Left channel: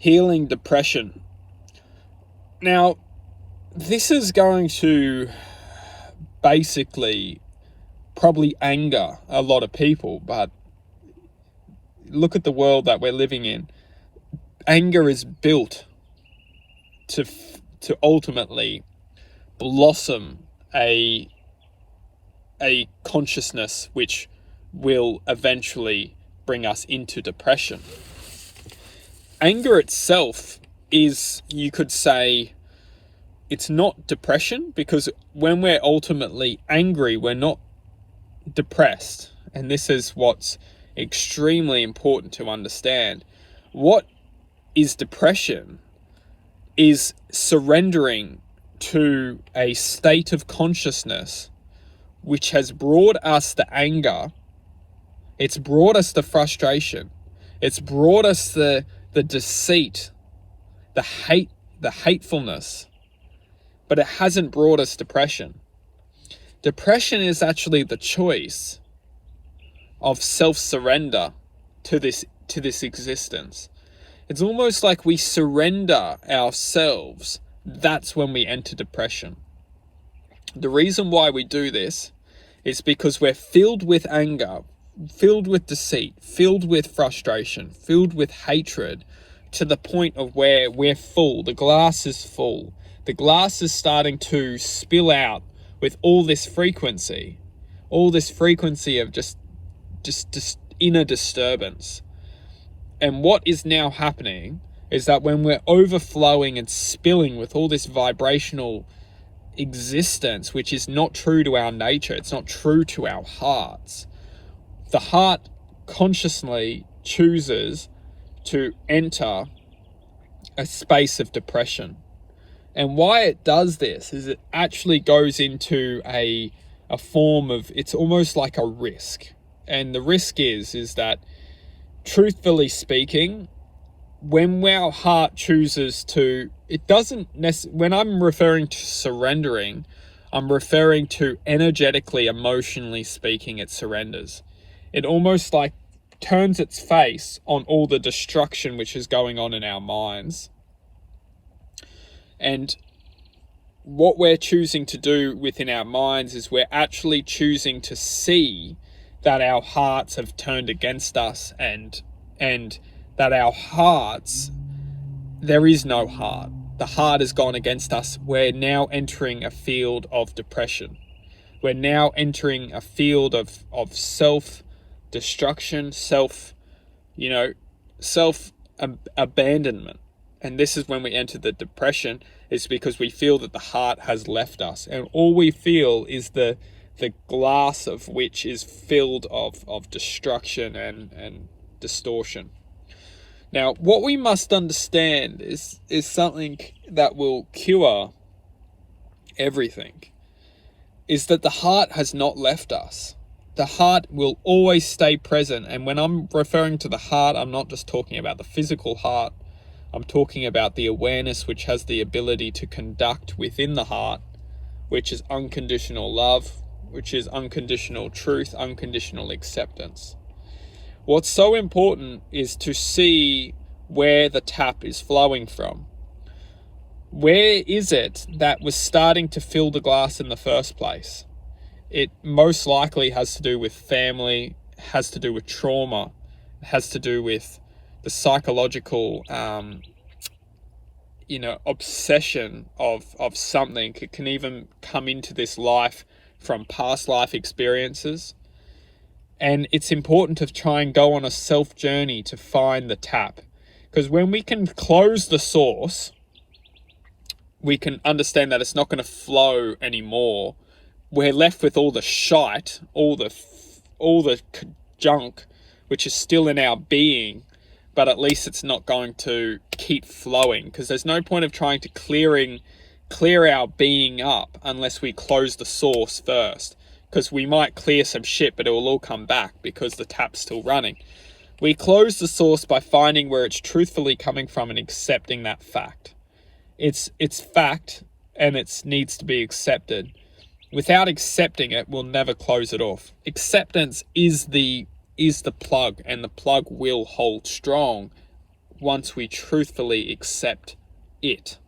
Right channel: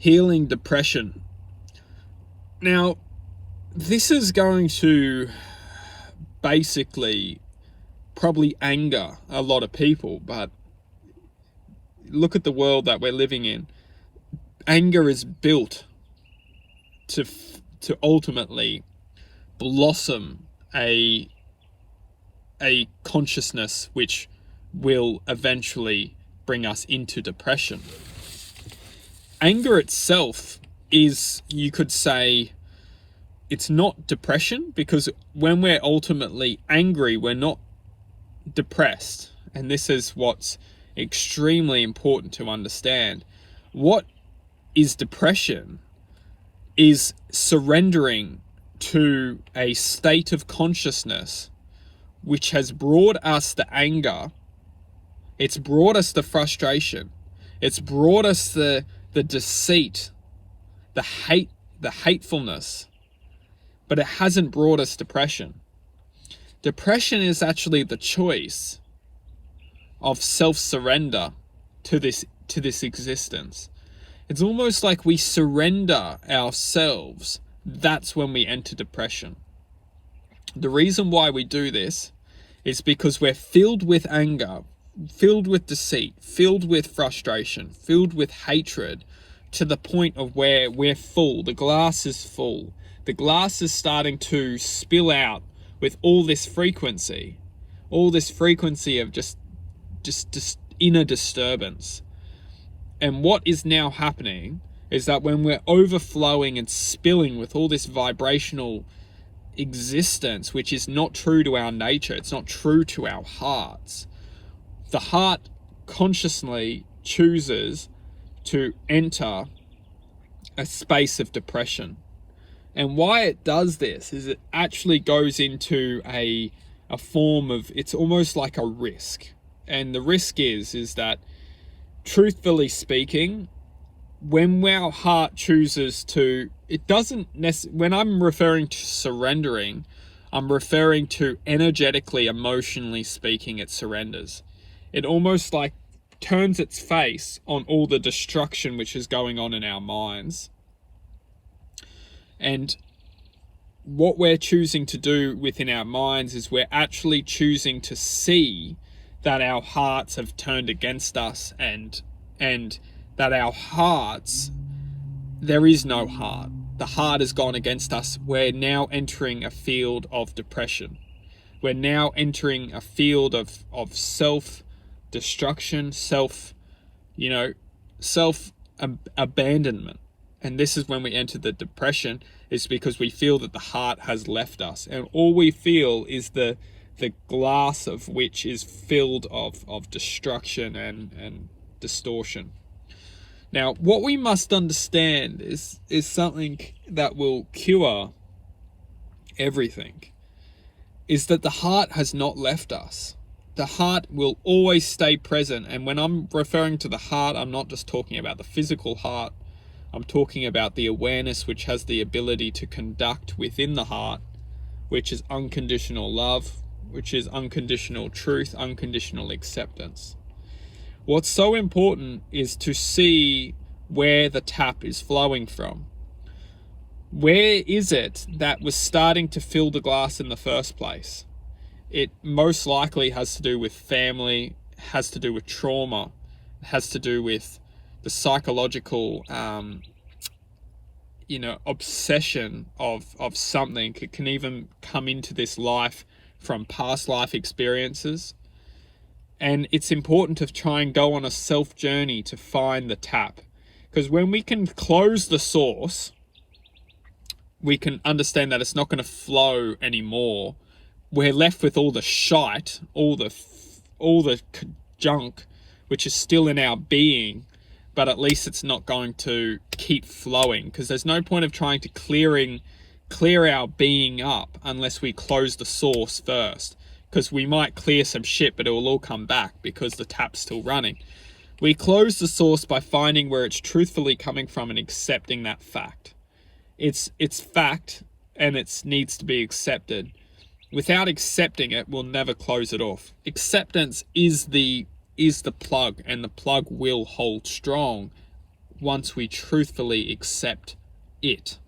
healing depression. Now, this is going to basically probably anger a lot of people, but look at the world that we're living in. Anger is built to ultimately blossom a consciousness which will eventually bring us into depression. Anger itself is, you could say, it's not depression, because when we're ultimately angry, we're not depressed. And this is what's extremely important to understand. What is depression is surrendering to a state of consciousness which has brought us the anger, it's brought us the frustration, it's brought us the deceit, the hate, the hatefulness, but it hasn't brought us depression. Depression is actually the choice of self-surrender to this existence. It's almost like we surrender ourselves. That's when we enter depression. The reason why we do this is because we're filled with anger, filled with deceit, filled with frustration, filled with hatred, to the point of where we're full. The glass is full. The glass is starting to spill out with all this frequency of just inner disturbance. And what is now happening is that when we're overflowing and spilling with all this vibrational existence, which is not true to our nature, it's not true to our hearts, the heart consciously chooses to enter a space of depression. And why it does this is it actually goes into a form of, it's almost like a risk. And the risk is that, truthfully speaking, when our heart chooses to, it doesn't when I'm referring to surrendering, I'm referring to energetically, emotionally speaking, it surrenders. It almost like turns its face on all the destruction which is going on in our minds. And what we're choosing to do within our minds is we're actually choosing to see that our hearts have turned against us, and that our hearts, there is no heart. The heart has gone against us. We're now entering a field of depression. We're now entering a field of self-destruction, self-abandonment. And this is when we enter the depression, is because we feel that the heart has left us. And all we feel is the glass of which is filled of destruction and distortion. Now, what we must understand is something that will cure everything, is that the heart has not left us. The heart will always stay present. And when I'm referring to the heart, I'm not just talking about the physical heart. I'm talking about the awareness which has the ability to conduct within the heart, which is unconditional love, which is unconditional truth, unconditional acceptance. What's so important is to see where the tap is flowing from. Where is it that was starting to fill the glass in the first place? It most likely has to do with family, has to do with trauma, has to do with the psychological obsession of something. It can even come into this life from past life experiences. And it's important to try and go on a self journey to find the tap. Because when we can close the source, we can understand that it's not going to flow anymore. We're left with all the shite, all the junk, which is still in our being, but at least it's not going to keep flowing, because there's no point of trying to clear our being up unless we close the source first, because we might clear some shit, but it will all come back because the tap's still running. We close the source by finding where it's truthfully coming from and accepting that fact. It's fact, and it needs to be accepted. Without accepting it, we'll never close it off. Acceptance is the plug, and the plug will hold strong once we truthfully accept it.